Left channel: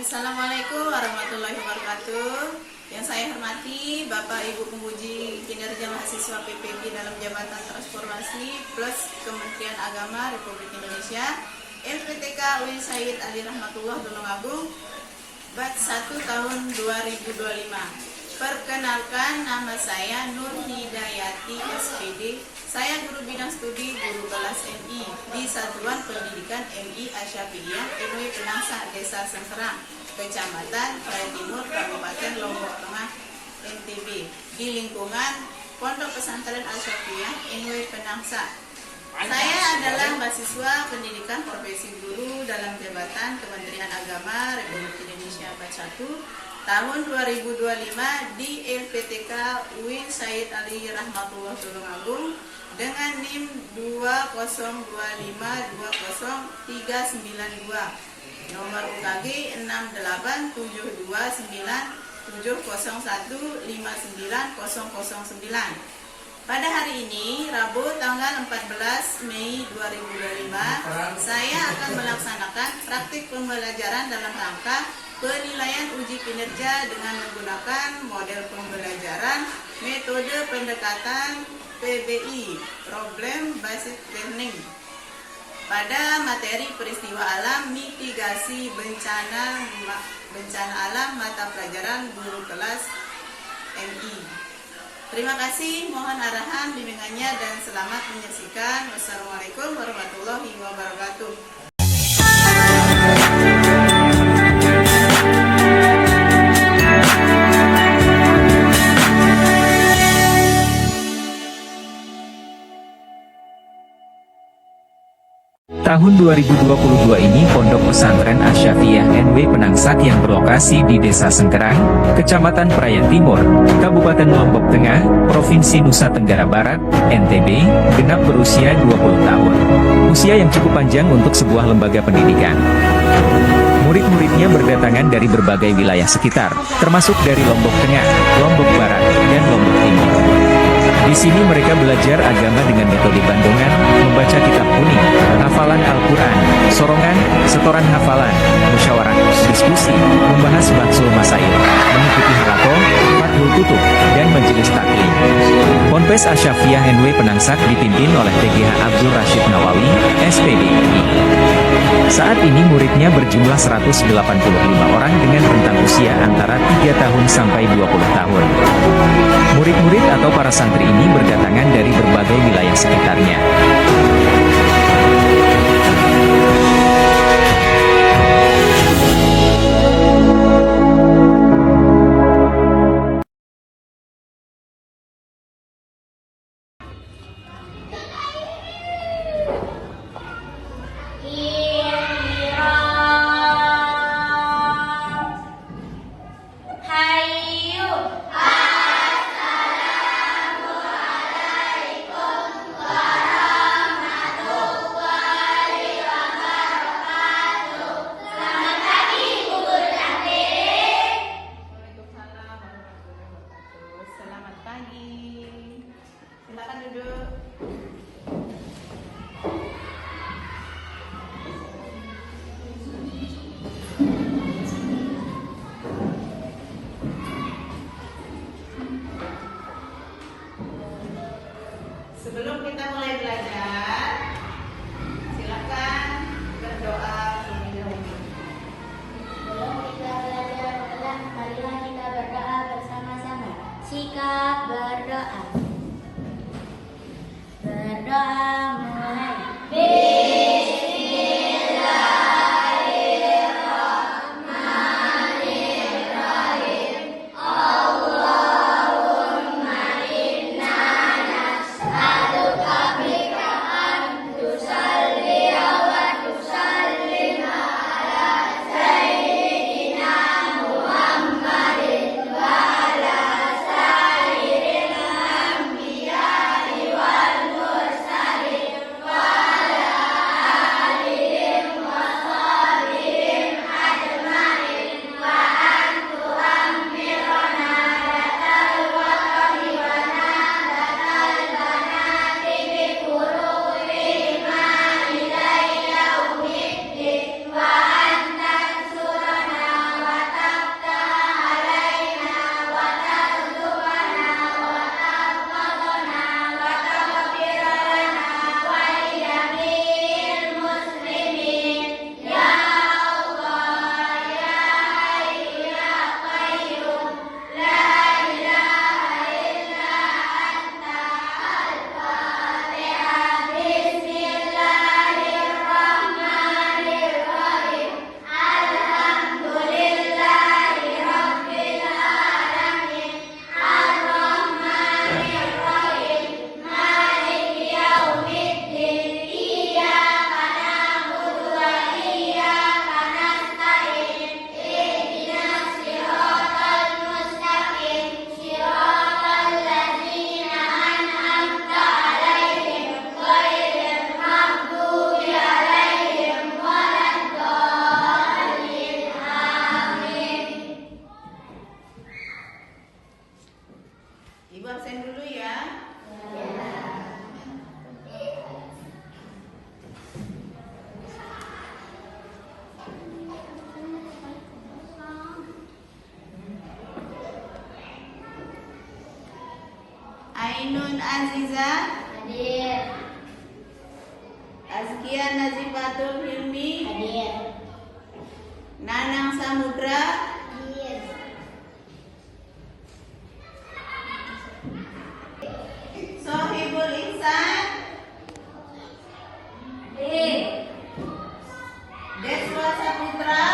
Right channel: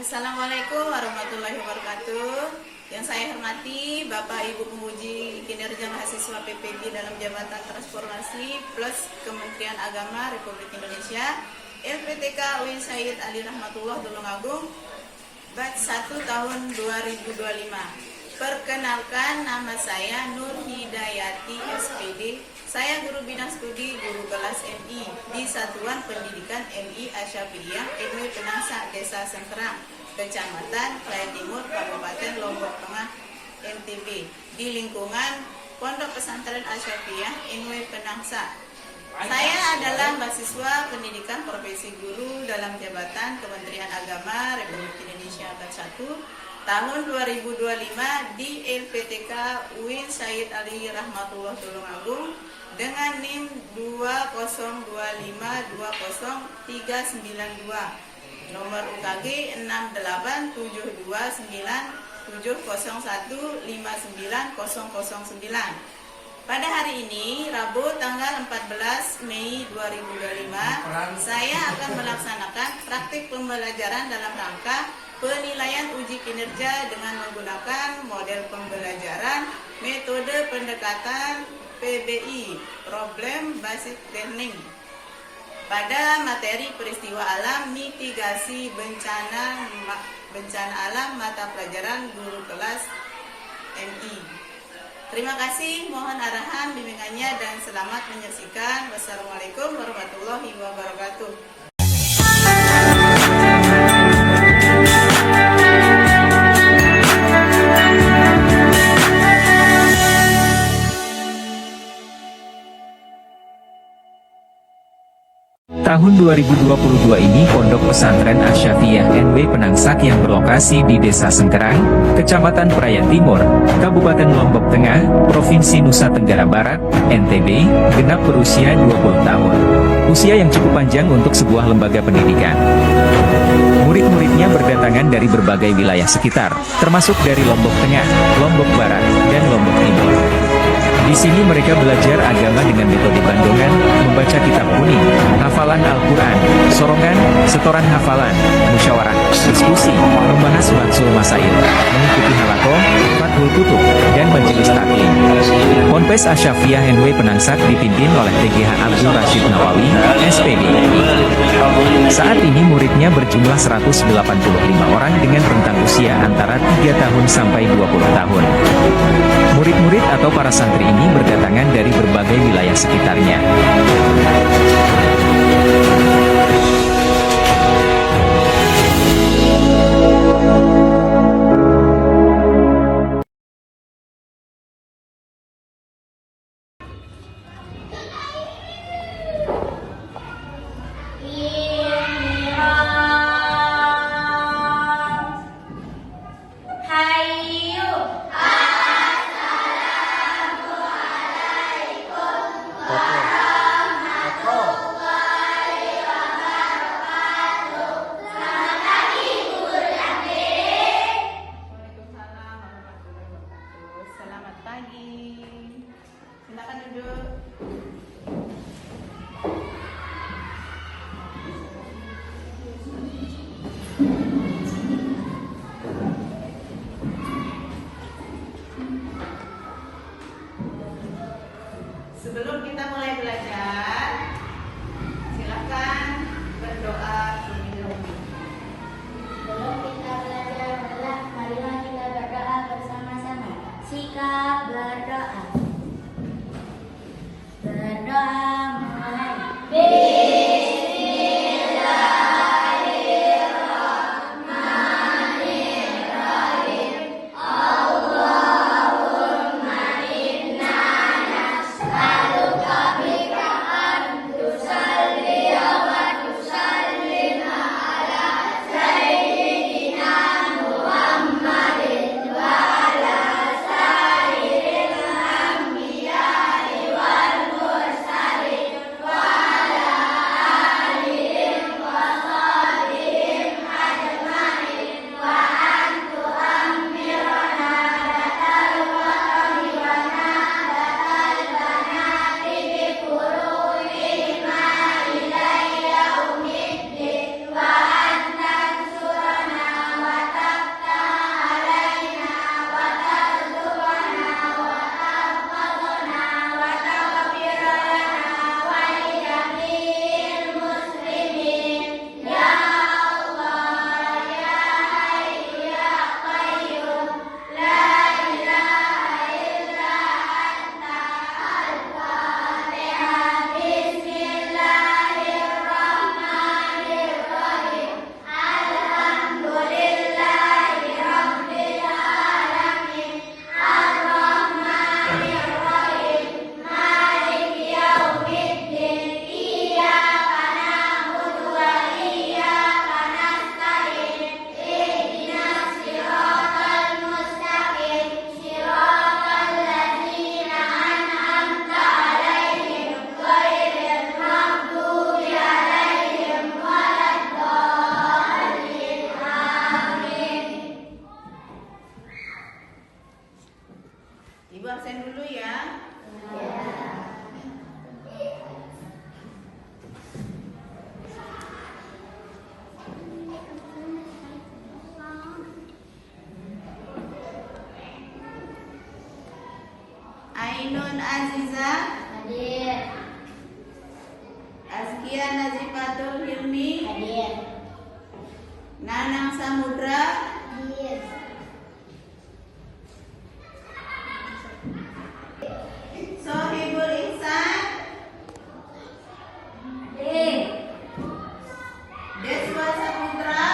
Assalamualaikum warahmatullahi wabarakatuh. Yang saya hormati Bapak Ibu Pemuji Kinerja Mahasiswa PPB dalam Jabatan Transformasi plus Kementerian Agama Republik Indonesia, LPTK UIN Sayyid Ali Rahmatullah Tulungagung, batch 1 tahun 2025. Perkenalkan, nama saya Nur Hidayati SPD. Saya guru bidang studi guru kelas MI di Satuan Pendidikan MI Asyafiyah RW Penangsa Desa Sengkerang, Kecamatan Praia Timur, Kabupaten Lombok Tengah, NTB, di lingkungan Pondok Pesantren Asyafiyah RW Penangsa. Saya adalah mahasiswa pendidikan profesi guru dalam jabatan Kementerian Agama Republik Indonesia batch 1 tahun 2025 di LPTK UIN Sayyid Ali Rahmatullah Tulungagung dengan NIM 202520392, nomor UKG 6872970159009. Pada hari ini, Rabu tanggal 14 Mei 2025, saya akan melaksanakan praktik pembelajaran dalam rangka penilaian uji kinerja dengan menggunakan model pembelajaran metode pendekatan PBI, Problem Based Learning, pada materi peristiwa alam mitigasi bencana alam mata pelajaran guru kelas MI. Terima kasih, mohon arahan bimbingannya dan selamat menyaksikan. Wassalamualaikum warahmatullahi wabarakatuh. Tahun 2022 ini Pondok Pesantren Asyafiyah NW Penangsak yang berlokasi di Desa Sengkerang, Kecamatan Praia Timur, Kabupaten Lombok Tengah, Provinsi Nusa Tenggara Barat, NTB, genap berusia 20 tahun. Usia yang cukup panjang untuk sebuah lembaga pendidikan. Murid-muridnya berdatangan dari berbagai wilayah sekitar, termasuk dari Lombok Tengah, Lombok Barat, dan Lombok Timur. Di sini mereka belajar agama dengan metode bandongan, membaca kitab kuning, hafalan Al-Quran, sorongan, setoran hafalan, musyawarah, diskusi, membahas bahsul masail, mengikuti halakoh, fathul kutub, dan majelis taklim. Ponpes Asyafiyah NW Penangsak dipimpin oleh TGH Abdul Rashid Nawawi, SPD. Saat ini muridnya berjumlah 185 orang dengan rentang usia antara 3 tahun sampai 20 tahun. Murid-murid atau para santri ini berdatangan dari berbagai wilayah sekitarnya. Silakan duduk. Sebelum kita mulai belajar, silakan berdoa terlebih dahulu. Sebelum kita belajar, marilah kita berdoa bersama-sama. Sikap berdoa. Berdoa mulai. Ibu absen dulu ya. Ainun Aziza, Hadir. Azkia Nazikatul Hilmi, Hadir. Nanang Samudra, Hadir. Sohibul Ihsan, Hadir. Deswa Saputra,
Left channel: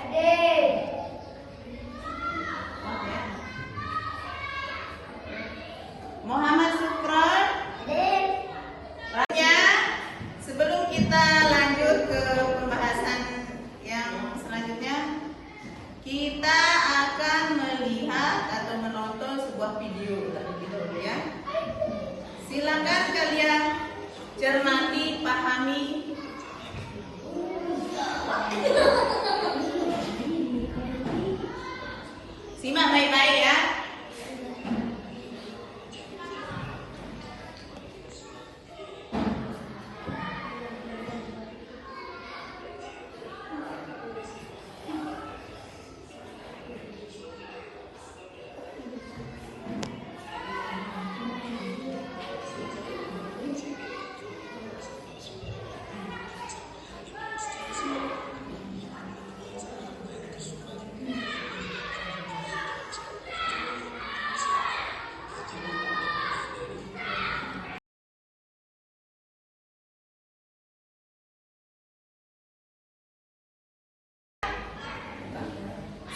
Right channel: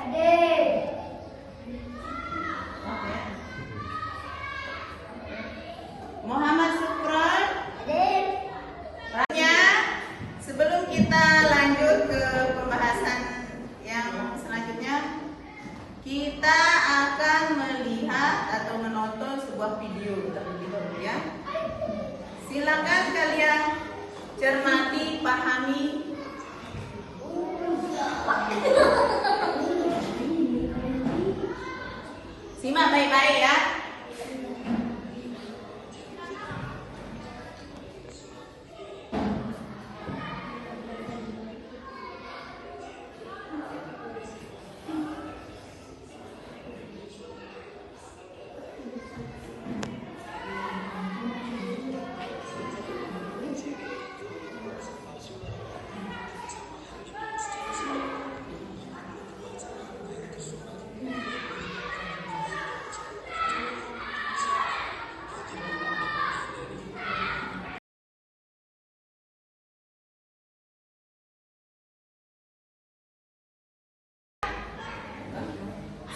Hadir. Muhammad Sukron. Hadir. Ya, sebelum kita lanjut ke pembahasan yang selanjutnya, kita akan melihat atau menonton sebuah video terlebih dahulu ya. Silakan kalian cermati, pahami. Simak baik-baik ya.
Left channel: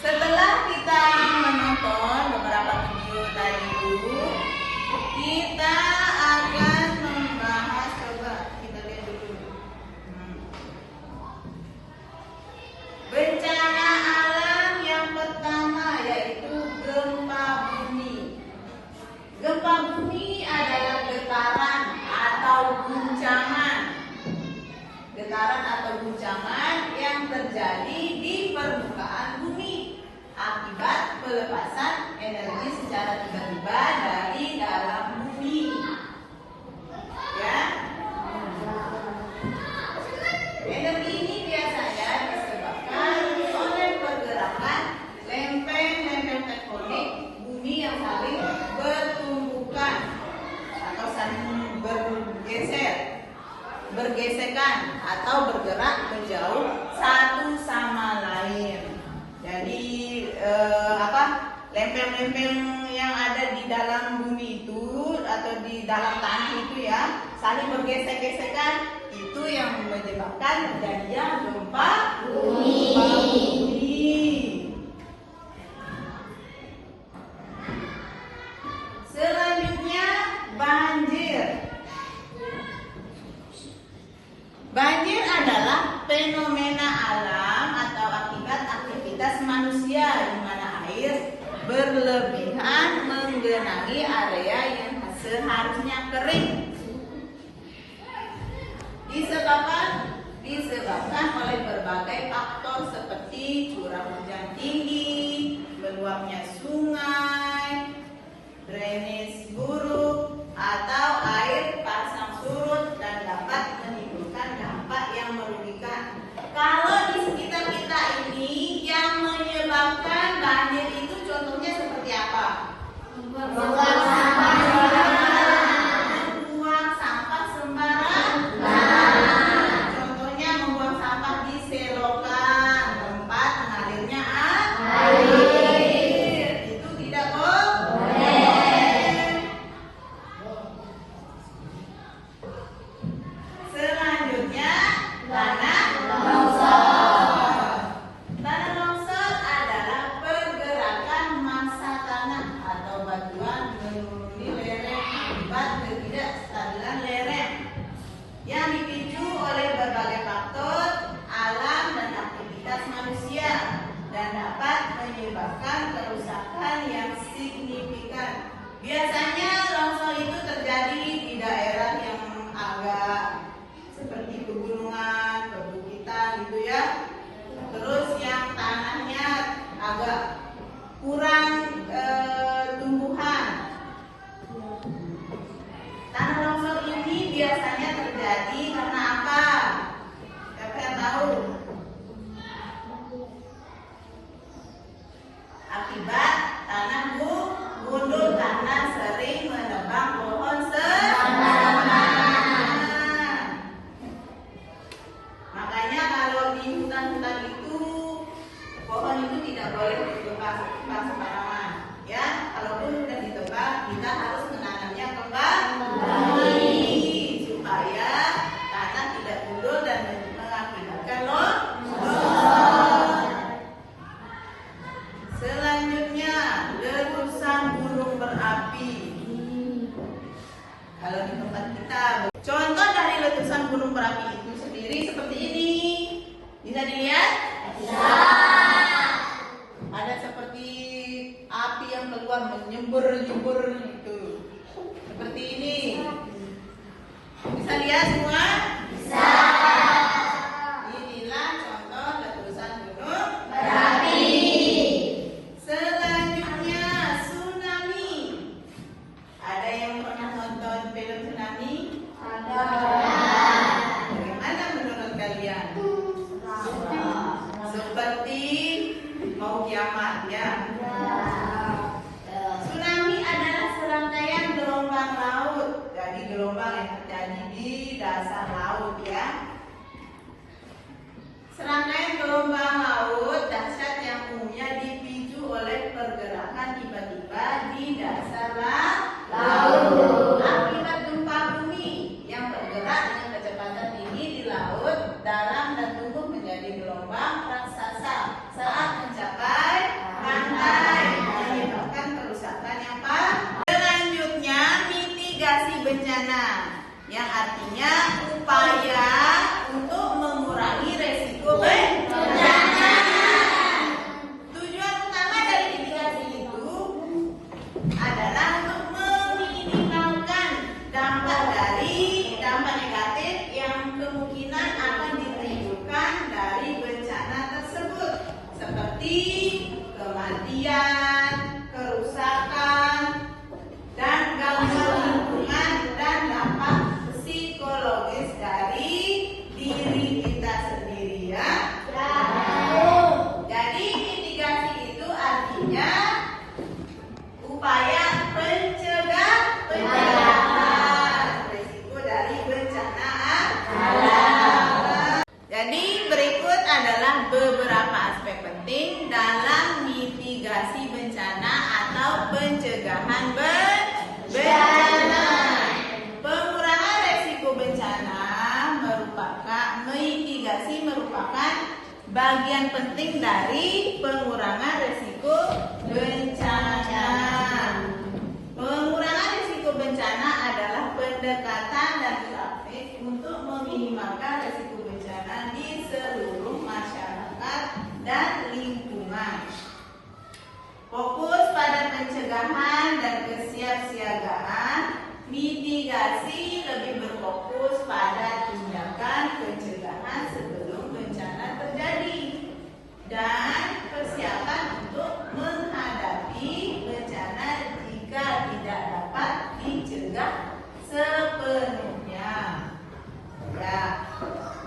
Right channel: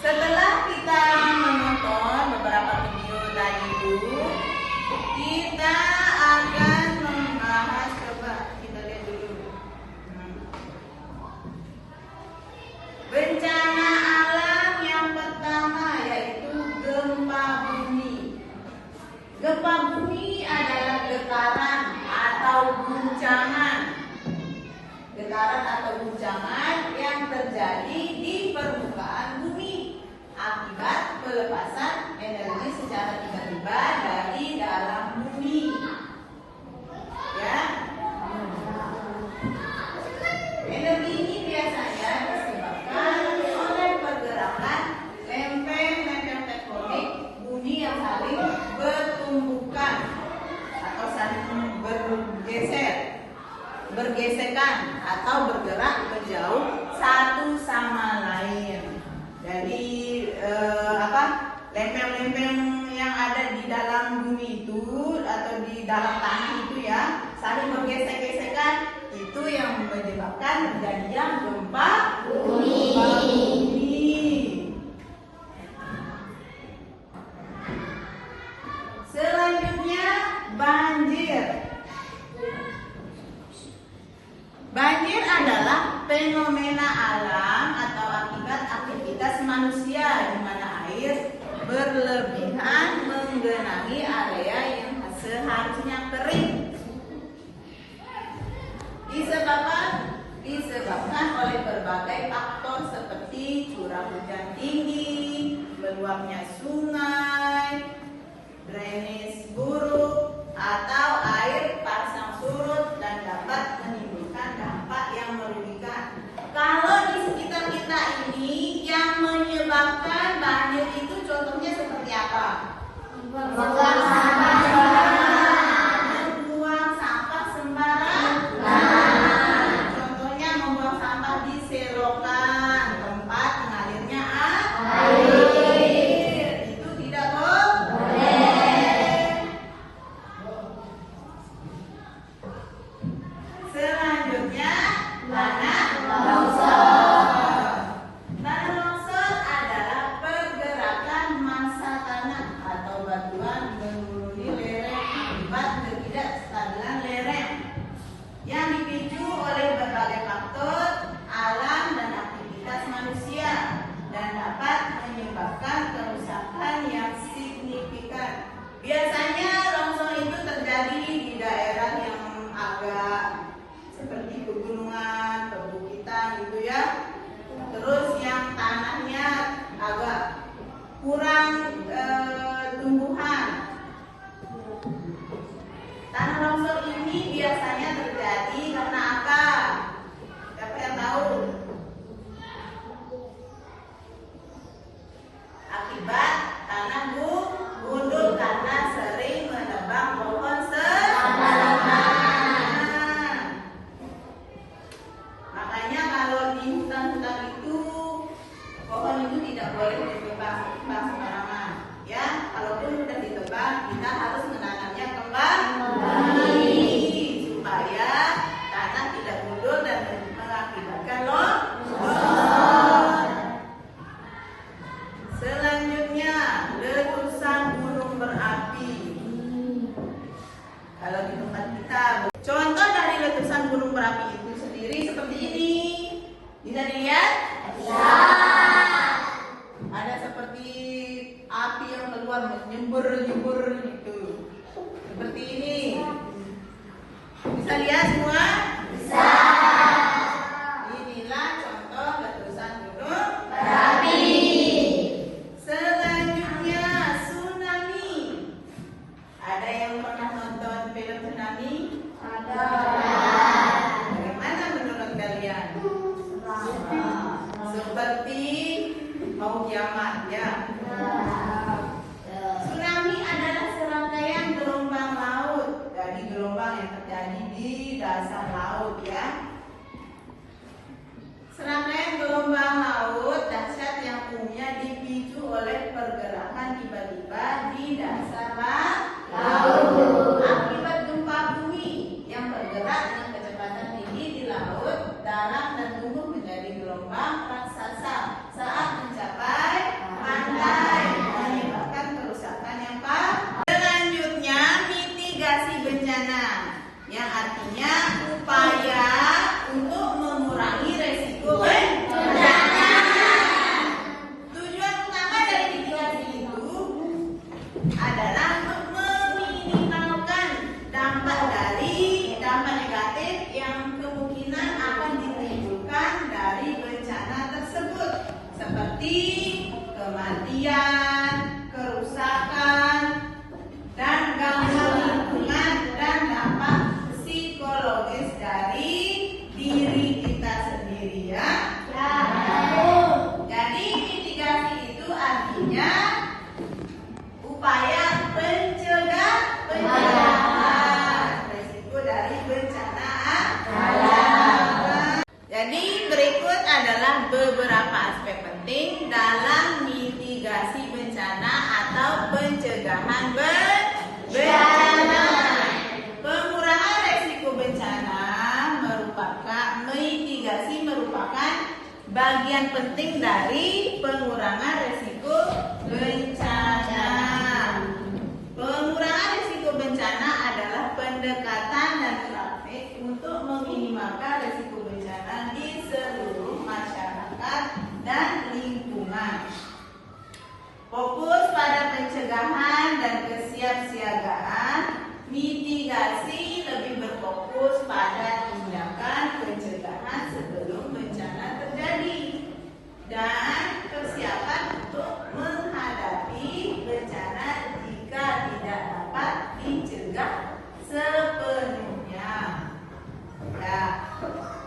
Setelah kita menonton beberapa video tadi itu, kita akan membahas, coba kita lihat dulu. Bencana alam yang pertama yaitu gempa bumi. Gempa bumi adalah getaran atau guncangan. Getaran atau guncangan yang terjadi di permukaan bumi akibat pelepasan energi secara tiba-tiba dari dalam bumi. Ya. Energi ini biasanya disebabkan oleh pergerakan lempeng-lempeng tektonik bumi yang saling bertumbukan atau saling bergesekan atau bergerak menjauh satu sama lain. Jadi lempeng-lempeng yang ada di dalam bumi itu atau di dalam tanah itu ya saling bergesek-gesekan, itu yang menyebabkan terjadinya gempa bumi. Selanjutnya banjir. Banjir adalah fenomena alam atau akibat aktivitas manusia di mana air berlebihan menggenangi area yang seharusnya kering. Disebabkan oleh berbagai faktor seperti curah hujan tinggi, meluapnya sungai, drainase buruk, atau air pasang surut dan dapat menimbulkan dampak yang merugikan. Kalau di sekitar kita ini yang menyebabkan banjir itu contohnya seperti apa? Membuang sampah sembarangan. Contohnya membuang sampah di selokan, tempat mengalirnya air. Itu tidak boleh. Selanjutnya, tanah longsor. Tanah longsor adalah pergerakan massa tanah atau batuan menuruni lereng akibat ketidakstabilan lereng yang dipicu oleh berbagai faktor alam dan aktivitas manusia dan dapat menyebabkan kerusakan yang signifikan. Biasanya longsor itu terjadi di daerah yang agak seperti pegunungan, perbukitan gitu ya. Terus yang tanahnya agak kurang tumbuhan. Tanah longsor ini biasanya terjadi karena apa? Siapa yang tahu? Akibat tanah gundul karena sering menebang pohon sembarangan. Makanya kalau di hutan-hutan itu pohon itu tidak boleh ditebang sembarangan. Ya, kalaupun sudah ditebang, kita harus menanamnya kembali supaya tanah tidak gundul dan mengakibatkan longsor. Selanjutnya, letusan gunung berapi. Kalau di tempat kita, contoh dari letusan gunung berapi itu sendiri seperti ini. Bisa dilihat? Bisa. Ada seperti api yang keluar menyembur-nyembur itu. Seperti ini. Bisa lihat semua? Bisa. Inilah contoh letusan gunung berapi. Selanjutnya, tsunami. Ada yang pernah nonton film tsunami? Ada. Bagaimana menurut kalian? Seperti mau kiamat ya. Tsunami adalah serangkaian gelombang laut dari gelombang yang terjadi di dasar laut ya. Serangkaian gelombang laut dahsyat yang umumnya dipicu oleh pergerakan tiba-tiba di dasar laut. Akibat gempa bumi yang bergerak dengan kecepatan tinggi di laut, dalam dan tumbuh menjadi gelombang raksasa saat mencapai pantai, menyebabkan kerusakan yang parah. Selanjutnya, mitigasi bencana, yang artinya upaya untuk mengurangi resiko bencana. Tujuan utama dari mitigasi itu adalah untuk meminimalkan dampak negatif yang kemungkinan akan ditimbulkan dari bencana tersebut, seperti kematian, kerusakan, dan gangguan lingkungan dan dampak psikologis dari diri kita sendiri ya. Jadi mitigasi itu artinya upaya pencegahan risiko dari bencana alam. Jadi berikut adalah beberapa aspek penting dalam mitigasi bencana atau pencegahan bencana. Pengurangan risiko bencana mitigasi merupakan bagian penting dari pengurangan risiko bencana. Pengurangan risiko bencana adalah pendekatan dan praktik untuk meminimalkan risiko bencana di seluruh masyarakat dan lingkungan. Fokus pada pencegahan dan kesiapsiagaan. Mitigasi lebih berfokus pada tindakan pencegahan sebelum bencana terjadi dan persiapan untuk menghadapi bencana jika tidak dapat dicegah sepenuhnya. Ya,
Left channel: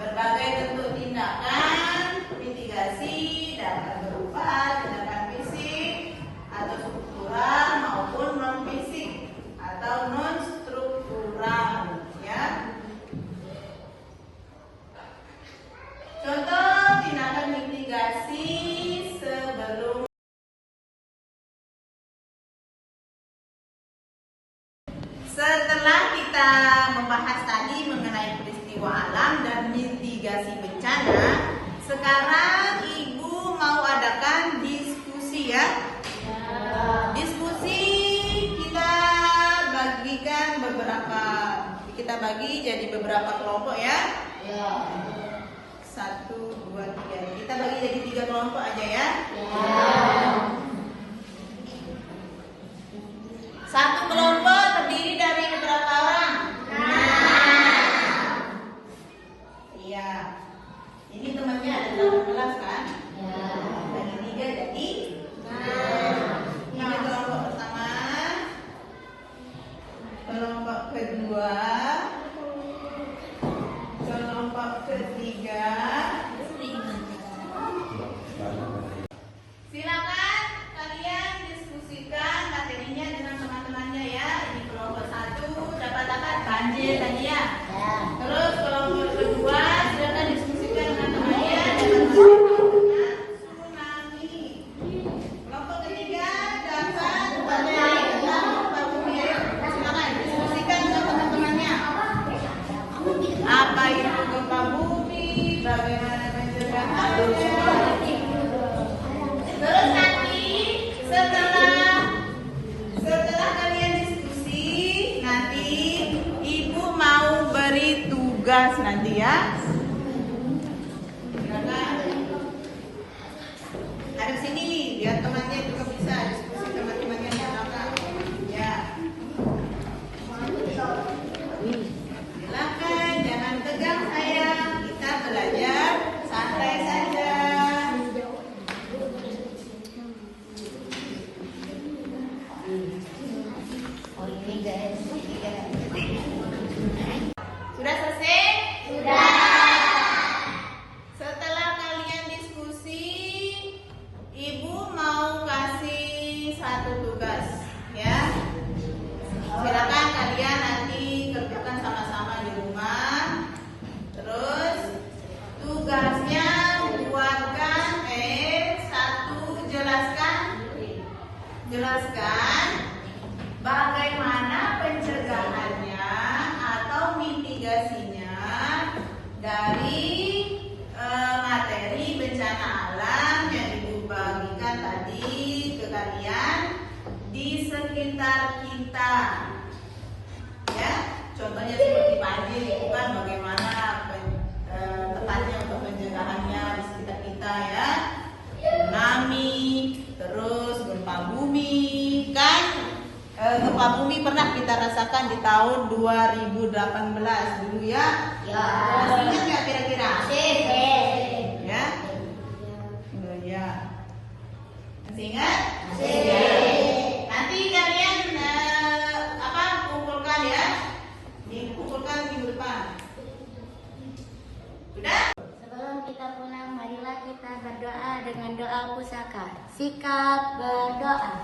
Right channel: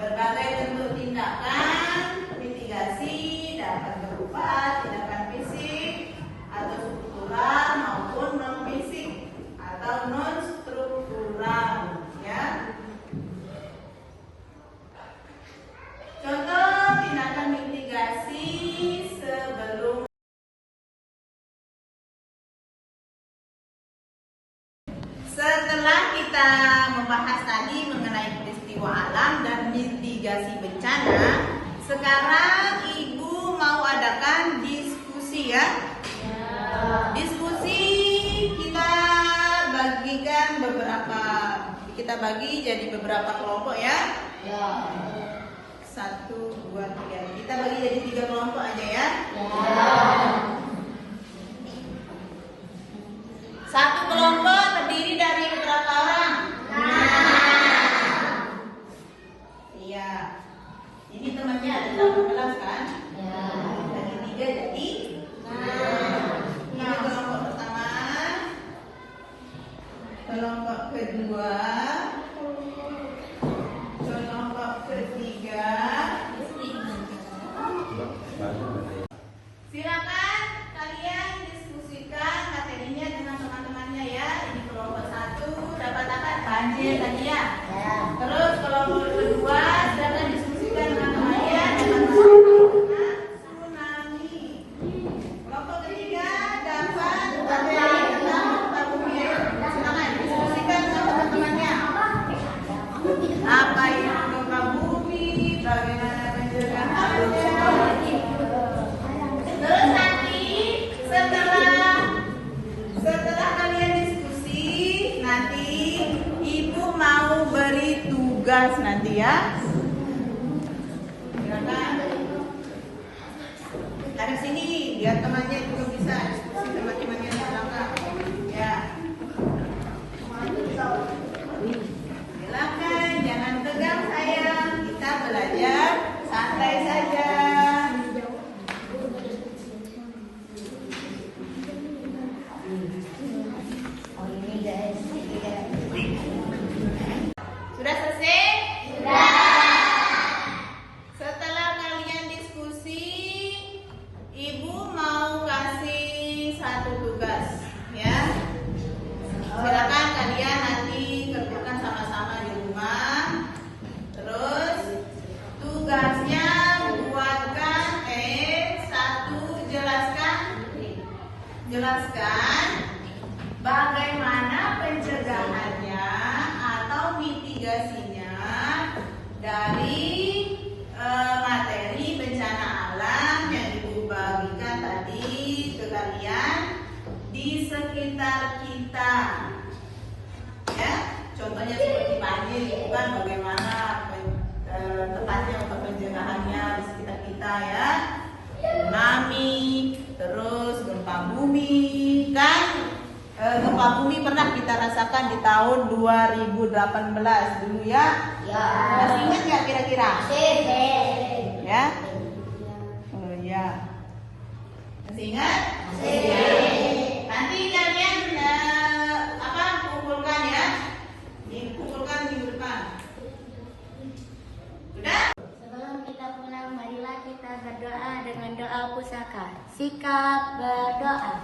berbagai bentuk tindakan mitigasi dapat berupa tindakan fisik atau struktural maupun non fisik atau non struktural ya. Contoh tindakan mitigasi sebelum setelah kita membahas tadi mengenai peristiwa alam dan mitigasi bencana, sekarang Ibu mau adakan diskusi ya. Diskusi kita bagi jadi beberapa kelompok ya. 1, 2, 3. Kita bagi jadi 3 kelompok aja ya. Satu kelompok terdiri dari beberapa orang. Iya. Ini temannya ada 18 kan? Bagi 3 jadi 6. Setelah kalian diskusi, nanti ibu mau beri tugas nanti ya. Ada sini, biar temannya juga bisa diskusi sama temannya di belakang. Ya. Silakan, jangan tegang sayang. Kita belajar santai saja. Oh ini guys. Sudah selesai? Sudah. Setelah kalian diskusi, ibu mau kasih satu tugas, ya. Silakan kalian nanti kerjakan sama-sama di rumah. Terus tugasnya buatkan jelaskan bagaimana pencegahannya atau mitigasinya dari materi bencana alam yang ibu bagikan tadi ke kalian di sekitar kita. Ya, contohnya seperti banjir itu kan bagaimana tepatnya untuk pencegahannya di sekitar kita ya. Tsunami, terus gempa bumi kan. Gempa bumi pernah kita rasakan di tahun 2018 dulu ya. Ya. Ingat nggak kira-kira? Ya. Oh, ya. Masih ingat? Nanti kalian kumpulkan ya. Kumpulkan minggu depan. Sudah? Sebelum kita pulang, marilah kita berdoa dengan doa pusaka. Sikap berdoa.